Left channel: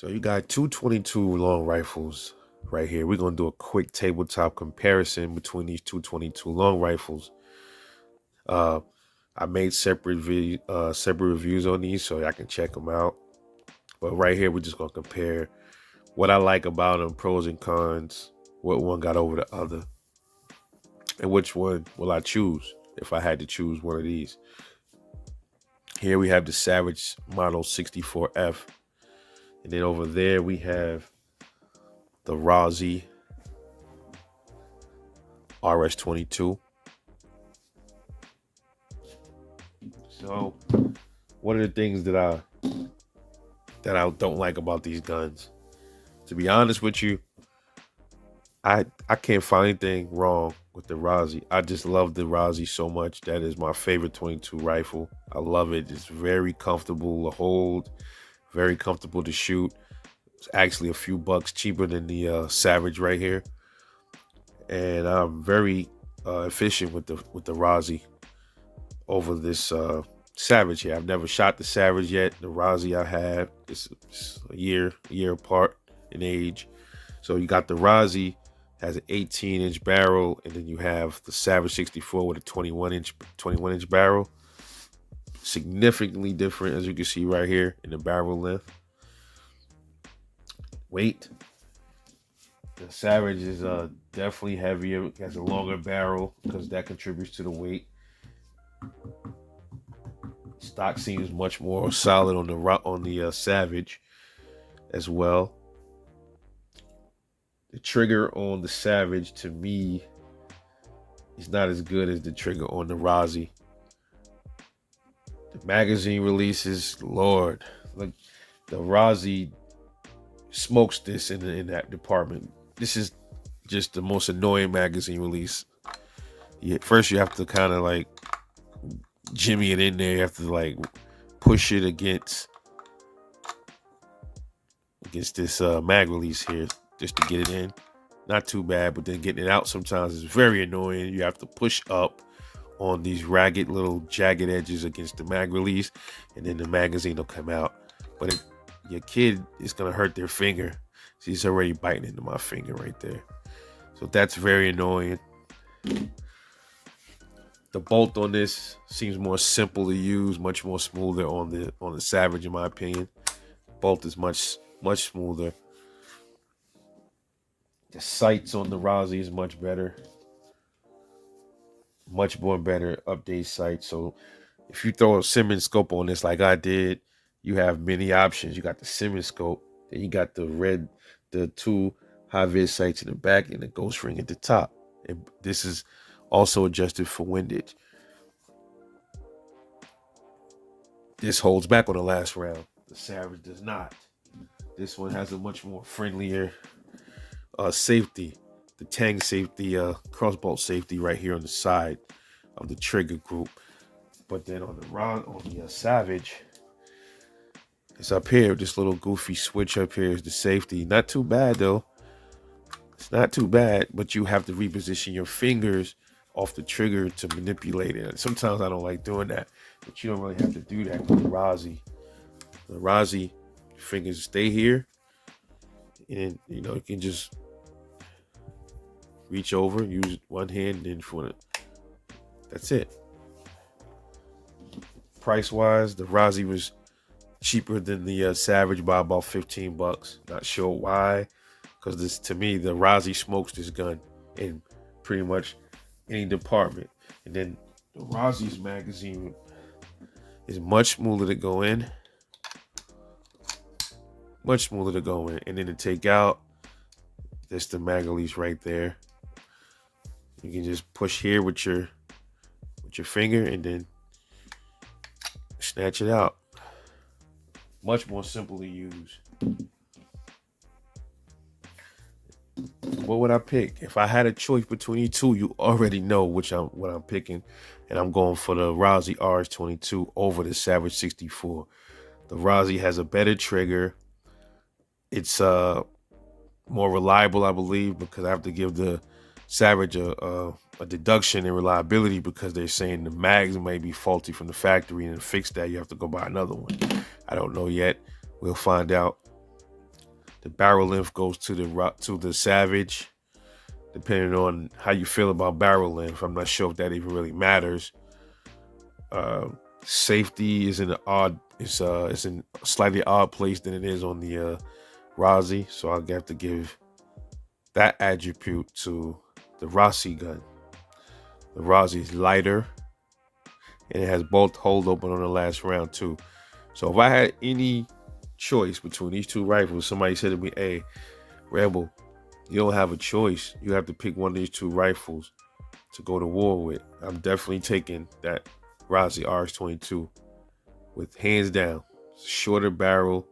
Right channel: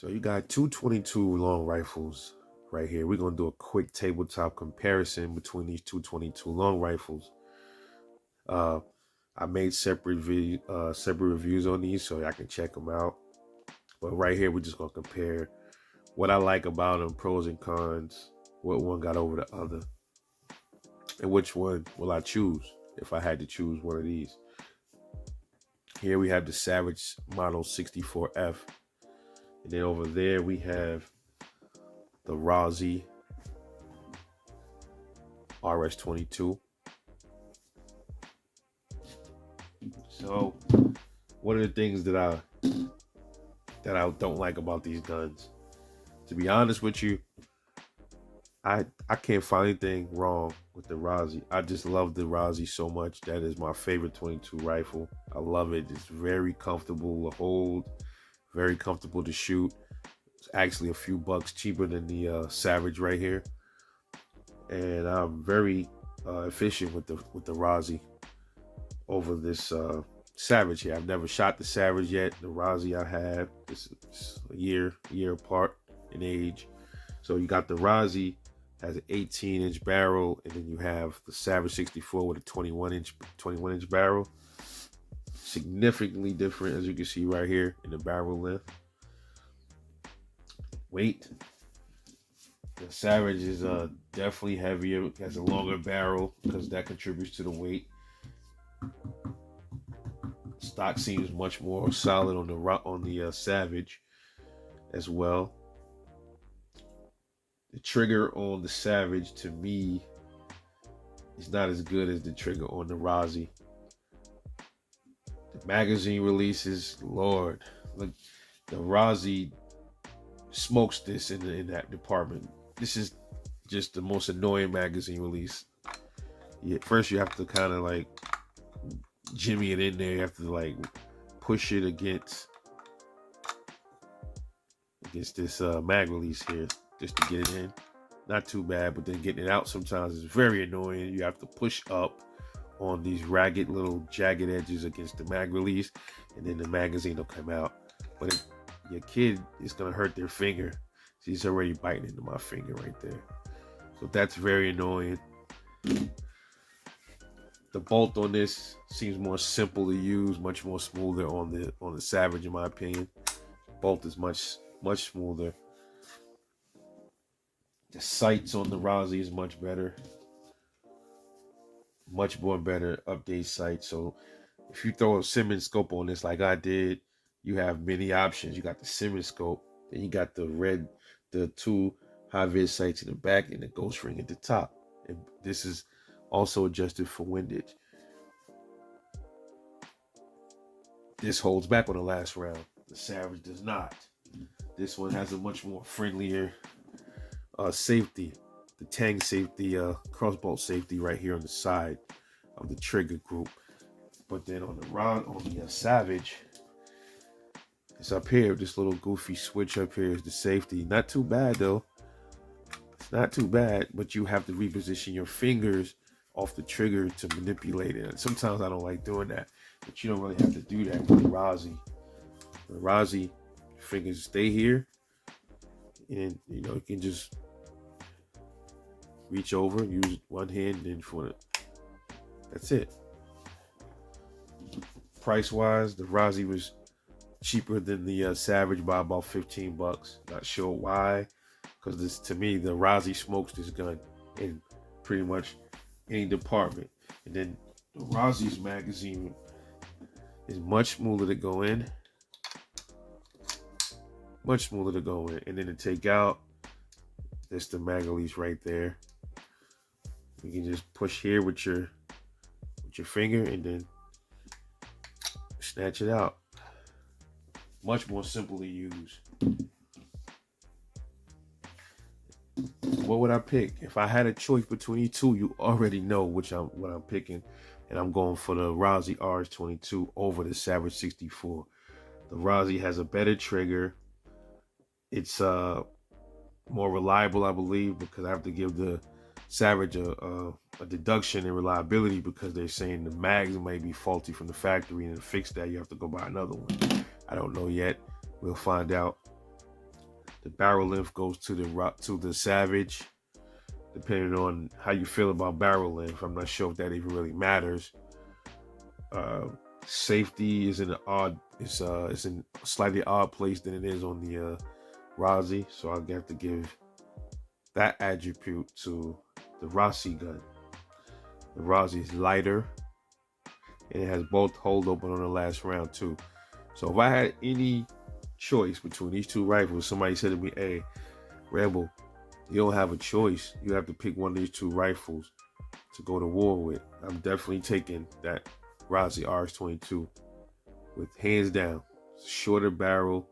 So you got two 22 long rifles right here. We're gonna do a quick tabletop comparison between these two 22 long rifles. Uh, I made separate reviews on these so I can check them out. But right here, we're just gonna compare what I like about them, pros and cons, what one got over the other, and which one will I choose if I had to choose one of these. Here we have the Savage Model 64F, and then over there we have the Rossi RS22. So, one of the things that I don't like about these guns, to be honest with you, I can't find anything wrong with the Rossi. I just love the Rossi so much. That is my favorite 22 rifle. I love it. It's very comfortable to hold, very comfortable to shoot. It's actually a few bucks cheaper than the Savage right here, and I'm very efficient with the Rossi over this Savage here. I've never shot the Savage yet. The Rossi I have. It's a year apart in age. So you got the Rossi has an 18-inch barrel, and then you have the Savage 64 with a 21-inch barrel. Significantly different, as you can see right here in the barrel length. Weight. The Savage is definitely heavier. It has a longer barrel because that contributes to the weight. Stock seems much more solid on the Savage as well. The trigger on the Savage, to me, is not as good as the trigger on the Rossi. The magazine releases, Lord, look, the Rossi smokes this in that department. This is just the most annoying magazine release. First, you have to kind of like jimmy it in there. You have to like push it against this mag release here just to get it in. Not too bad, but then getting it out sometimes is very annoying. You have to push up on these ragged little jagged edges against the mag release, and then the magazine will come out. But your kid is gonna hurt their finger. She's already biting into my finger right there. So that's very annoying. The bolt on this seems more simple to use, much more smoother on the Savage, in my opinion. Bolt is much smoother. The sights on the Rossi is much better. Much more better update sight. So if you throw a Simmons scope on this like I did, you have many options. You got the Simmons scope, then you got the two high vis sights in the back and the ghost ring at the top. And this is also adjusted for windage. This holds back on the last round. The Savage does not. This one has a much more friendlier safety, the Tang safety, crossbow safety right here on the side of the trigger group. But then on the Savage, it's up here. This little goofy switch up here is the safety. Not too bad though. It's not too bad, but you have to reposition your fingers off the trigger to manipulate it. Sometimes I don't like doing that, but you don't really have to do that with the Rossi. The Rossi fingers stay here, and you can just reach over, use one hand, and that's it. Price wise, the Rossi was cheaper than the Savage by about $15. Not sure why, because to me, the Rossi smokes this gun in pretty much any department. And then the Rossi's magazine is much smoother to go in. Much smoother to go in. And then to take out, there's the mag release right there. You can just push here with your finger and then snatch it out. Much more simple to use. What would I pick? If I had a choice between these two, you already know what I'm picking. And I'm going for the Rossi RS22 over the Savage 64. The Rossi has a better trigger. It's more reliable, I believe, because I have to give the Savage a deduction in reliability because they're saying the mags may be faulty from the factory, and to fix that you have to go buy another one. I don't know yet. We'll find out. The barrel length goes to the Savage, depending on how you feel about barrel length. I'm not sure if that even really matters. Uh, Safety is in an odd. It's in a slightly odd place than it is on the Rossi, so I'll have to give that attribute to the Rossi gun. The Rossi is lighter, and it has both hold open on the last round too. So if I had any choice between these two rifles, somebody said to me, "Hey, Rebel, you don't have a choice. You have to pick one of these two rifles to go to war with." I'm definitely taking that Rossi RX-22 with hands down. Shorter barrel,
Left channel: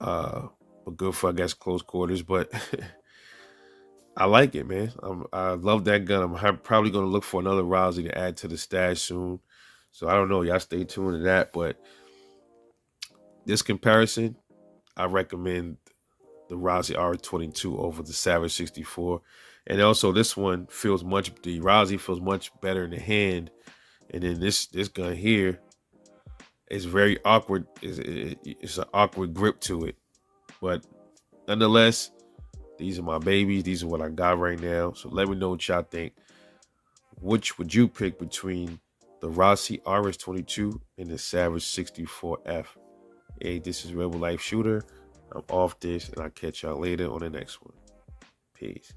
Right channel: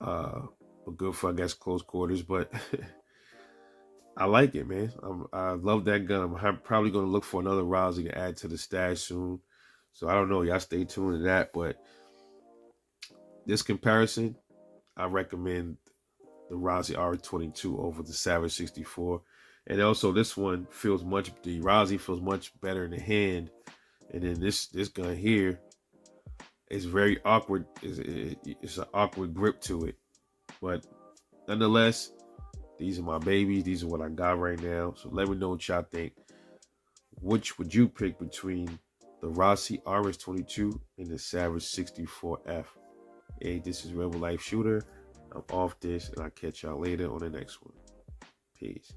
uh, but good for I guess close quarters. But I like it, man. I love that gun. Probably gonna look for another Rossi to add to the stash soon. So I don't know. Y'all stay tuned to that. But this comparison, I recommend the Rossi R22 over the Savage 64. And also this one the Rossi feels much better in the hand. And then this gun here is very awkward. It's an awkward grip to it. But nonetheless, these are my babies. These are what I got right now. So let me know what y'all think. Which would you pick between the Rossi RS-22 and the Savage 64F? Hey, this is Rebel Life Shooter. I'm off this, and I'll catch y'all later on the next one. Peace.